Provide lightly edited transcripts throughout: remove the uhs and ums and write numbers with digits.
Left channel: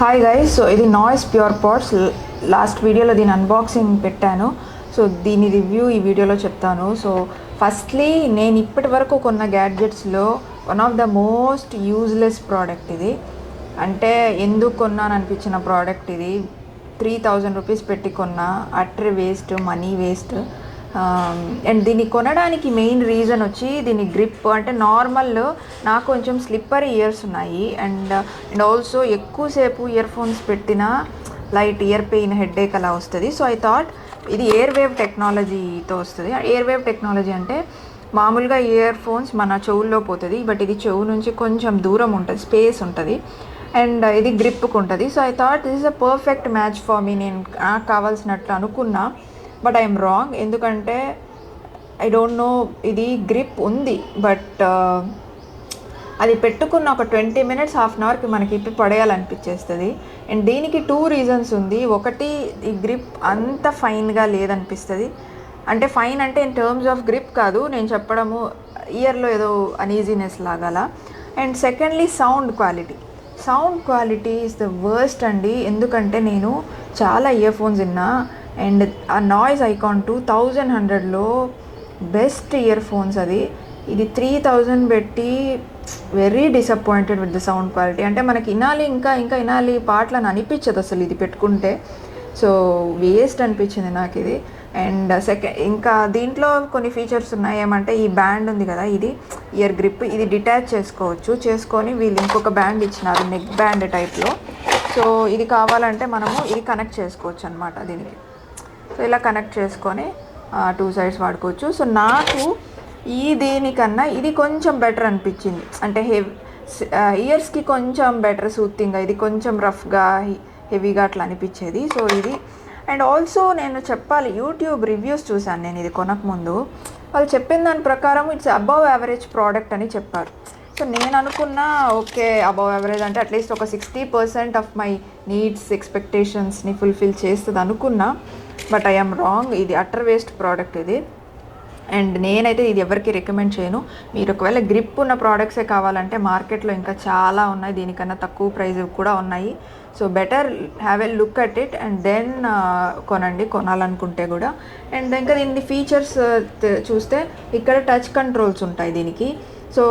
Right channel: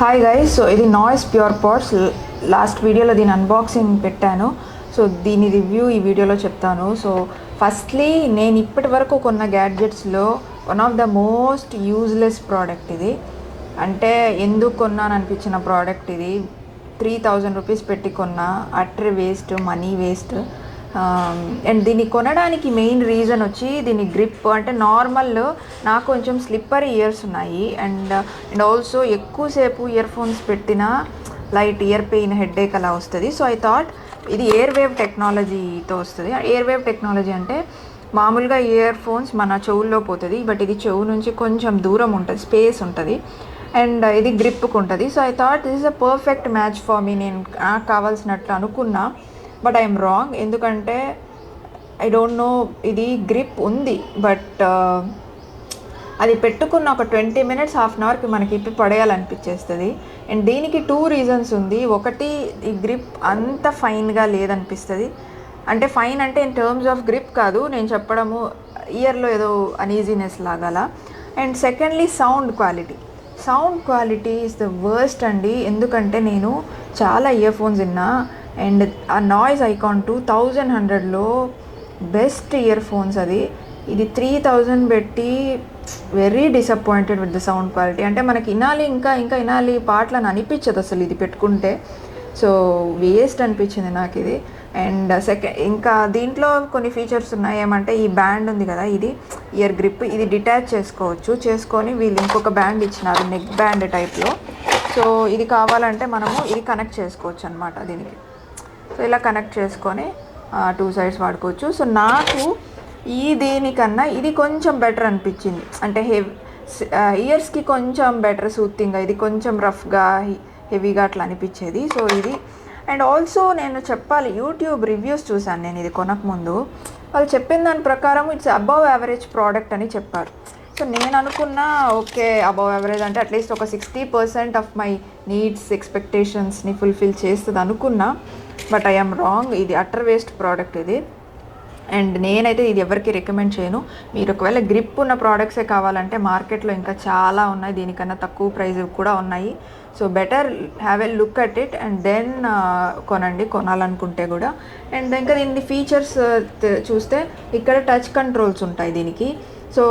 Hi guys, so ఇది noise pure ports. Last వీడియోలో దీని అన్బాక్సింగ్ పెట్టాను. సో దీని రివ్యూ ఈ వీడియోలో చెప్తాను. సో ఫస్ట్లీ నేను ఇప్పటి వరకు కొన్న గ్యాడ్జెట్స్లో one of the most useless product ఇది. అంటే ఎందుకు కొన్నాను అనిపించిన ప్రోడక్ట్ ఇది. 3000 రూపీస్ పెట్టి కొన్నా, అట్రీ వేస్ట్, మనీ వేస్ట్. అండ్ దీన్ని కొనడానికి మెయిన్ రీజన్ వచ్చి దీని గ్రిప్. అంటే నార్మల్ నాకు కొంచెం స్లిప్పర్ ఇయర్స్ ఉన్నాయి అండ్ ఆల్సో ఎక్కువసేపు ఇయర్ ఫోన్స్ పెట్టినా లైట్ ఇయర్ పెయిన్, హెడ్ఏక్ అలా వస్తుంది. సో ఐ థాట్ ఇది ఎయిర్ వేవ్ టెక్నాలజీతో వస్తుంది. ఎయిర్ వేవ్ టెక్నాలజీ అంటే మామూలుగా ఇయర్ ఫోన్స్ మన చెవుల్లో పోతుంది, బట్ ఇది చెవు నుంచి కొంచెం దూరం ఉంటుంది, స్పేస్ ఉంటుంది అండ్ ఇది గ్రిప్కి ఉంటుంది. So I thought this is a perfect match for me. నేను నాకు కావాల్సినట్లు అనుకున్నా, బట్ ఐఎమ్ రాంగ్. ఎందుకంటే ఐ డోంట్ నో, ఇది గ్రిప్ ఉంది బట్ అది పెట్టుకున్న ఒక 20 minutes, హాఫ్ అన్ అవర్కి మనకి ఇప్పి పడేయాలనిపించేస్తుంది. అండ్ దీనికి 2 reasons ఉంది. ఒకటి, ఈ గ్రిప్ అంత ఫైన్గా లేదనిపిస్తుంది. అంటే ఫైన్ అంటే ఇన్ టర్మ్స్ ఆఫ్ గ్రిప్ కాదు నేను చెప్పడము, ఇయర్లో ఏదో అన్ఈజీనెస్ లాగా. And secondly, sound quality is the worst అండి. ఎందుకంటే నేను చాలా ఇయర్ ఫోన్స్ విన్నా అండ్ ఆ నాయిస్ ఐకాన్ 2100లో బెస్ట్ ఇయర్ ఫోన్స్ అది. ఇది 3000 పెట్టి very disappointed with the sound quality. అంటే మనకి వినాలి, ఇంకా వినాలి పాటలు అని అనిపించదు అసలు ఇది పెట్టుకుంటే. సో వేస్ట్ అనిపించింది నాకు ఇది. అండ్ ఇంకా దీంట్లో కొన్ని ఫీచర్స్ ఉన్నాయి. ఏమంటే ఈ బ్యాండ్ ఉంది కదా, ఇది ఇయర్ గ్రిప్, ఇది డిటాచ్ చేసుకొని వీళ్ళు ఇంకొక బ్యాండ్ ఇచ్చినారు, నెక్ బ్యాండ్ టైప్లో. సో ఇది కావాలంటే మనము ఇది కనెక్ట్ చేసుకోవచ్చు అనమాట. దీనికి ఇలా కనెక్ట్ చేసుకొని 2 sides వాడుకోవచ్చు. సో నాకు దీనికన్నా ఇది కొంచెం బెటర్ అనిపించింది. అంటే ఇయర్స్కి కొంచెం బెటర్ సూతింగ్గా, ఇది కొంచెం రఫ్గా, హెవీగా అట్లా అనిపించేది. సో ఇది. అండ్ ఆల్సో నేను చెప్పాలి, యూట్యూబ్ రివ్యూస్ చూసాను నేను ఇది కొనకముందు. వాళ్ళు చెప్పిన దాని ప్రకారం ఇట్స్ అబవ్ యావరేజ్ ప్రోడక్ట్ అని చెప్పారు. సో నేను అనుకున్నా ఓకే, అబవ్ యావరేజ్ అంటే అట్లీస్ట్ ఒక 60% ఆఫ్ మై నీడ్స్, ఎక్స్పెక్టేషన్స్ని ఫుల్ఫిల్ చేస్తుంది అనుకున్నా. But I'm wrong. ఇది అటర్ వేస్ట్ ప్రోడక్ట్ ఇది. అండ్ నేనైతే ఇది ఎవరికి రికమెండ్ చేయను. మీరు ఒకవేళ గ్రిప్ ఉన్న ప్రోడక్ట్సే కావాలంటే మార్కెట్లో ఇంకా చాలా ఉన్నాయి, దీనికన్నా తక్కువ ప్రైస్ కూడా ఉన్నాయి. So better have a look at it and then కొనాలనుకుంటే కూడా. అండ్ ఇంకా దీని ఫీచర్స్ చూస్తే ఇక్కడ టచ్ కంట్రోల్స్ ఉంటాయి దీనికి. సో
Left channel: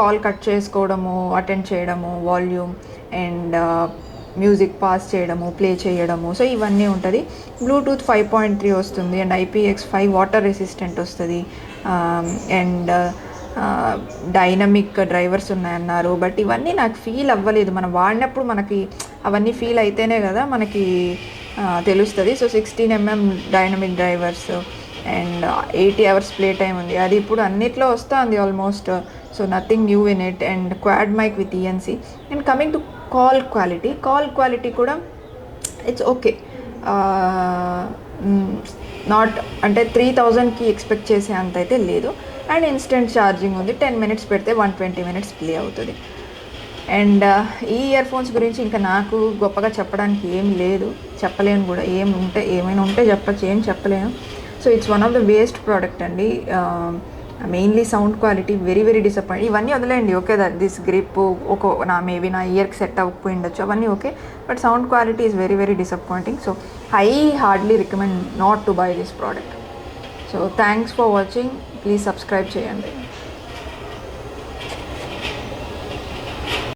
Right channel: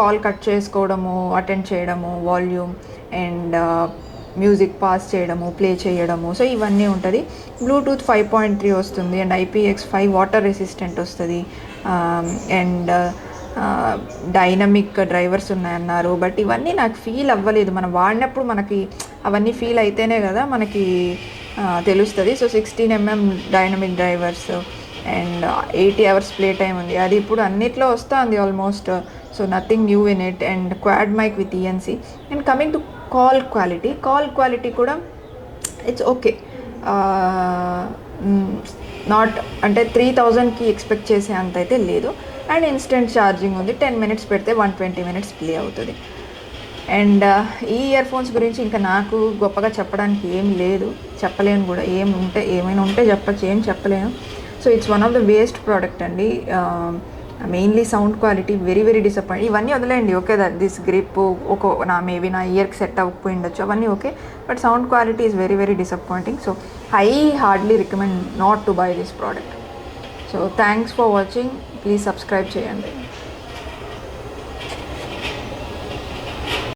కాల్ కట్ చేసుకోవడము, అటెండ్ చేయడము, వాల్యూమ్ అండ్ మ్యూజిక్ పాస్ చేయడము, ప్లే చేయడము, సో ఇవన్నీ ఉంటుంది. బ్లూటూత్ 5.3 వస్తుంది అండ్ IPX5 వాటర్ రెసిస్టెంట్ వస్తుంది. అండ్ డైనమిక్ డ్రైవర్స్ ఉన్నాయన్నారు, బట్ ఇవన్నీ నాకు ఫీల్ అవ్వలేదు. మనం వాడినప్పుడు మనకి అవన్నీ ఫీల్ అయితేనే కదా మనకి తెలుస్తుంది. So 16mm dynamic drivers and 80 hours play time ఉంది. అది ఇప్పుడు అన్నిట్లో వస్తుంది almost. So nothing new in it. And quad mic with ENC. And coming to call quality కూడా ఇట్స్ ఓకే. నాట్ అంటే 3000కి ఎక్స్పెక్ట్ చేసే అంత అయితే లేదు. అండ్ ఇన్స్టెంట్ ఛార్జింగ్ ఉంది. 10 minutes పెడితే 120 minutes ప్లే అవుతుంది. అండ్ ఈ ఇయర్ ఫోన్స్ గురించి ఇంకా నాకు గొప్పగా చెప్పడానికి ఏం లేదు, చెప్పలేను కూడా. ఏమైనా ఉంటే చెప్పచ్చు, ఏం చెప్పలేము. So it's one of the best product అండి. Mainly sound quality very very disappoint. ఇవన్నీ వదిలేయండి, ఓకే దిస్ గ్రిప్ మేబీ నా ఇయర్కి సెట్ అవ్వకపోయి ఉండొచ్చు, అవన్నీ okay. But sound quality is very very disappointing. So I hardly recommend not to buy this product. So thanks for watching. Please subscribe చేయండి.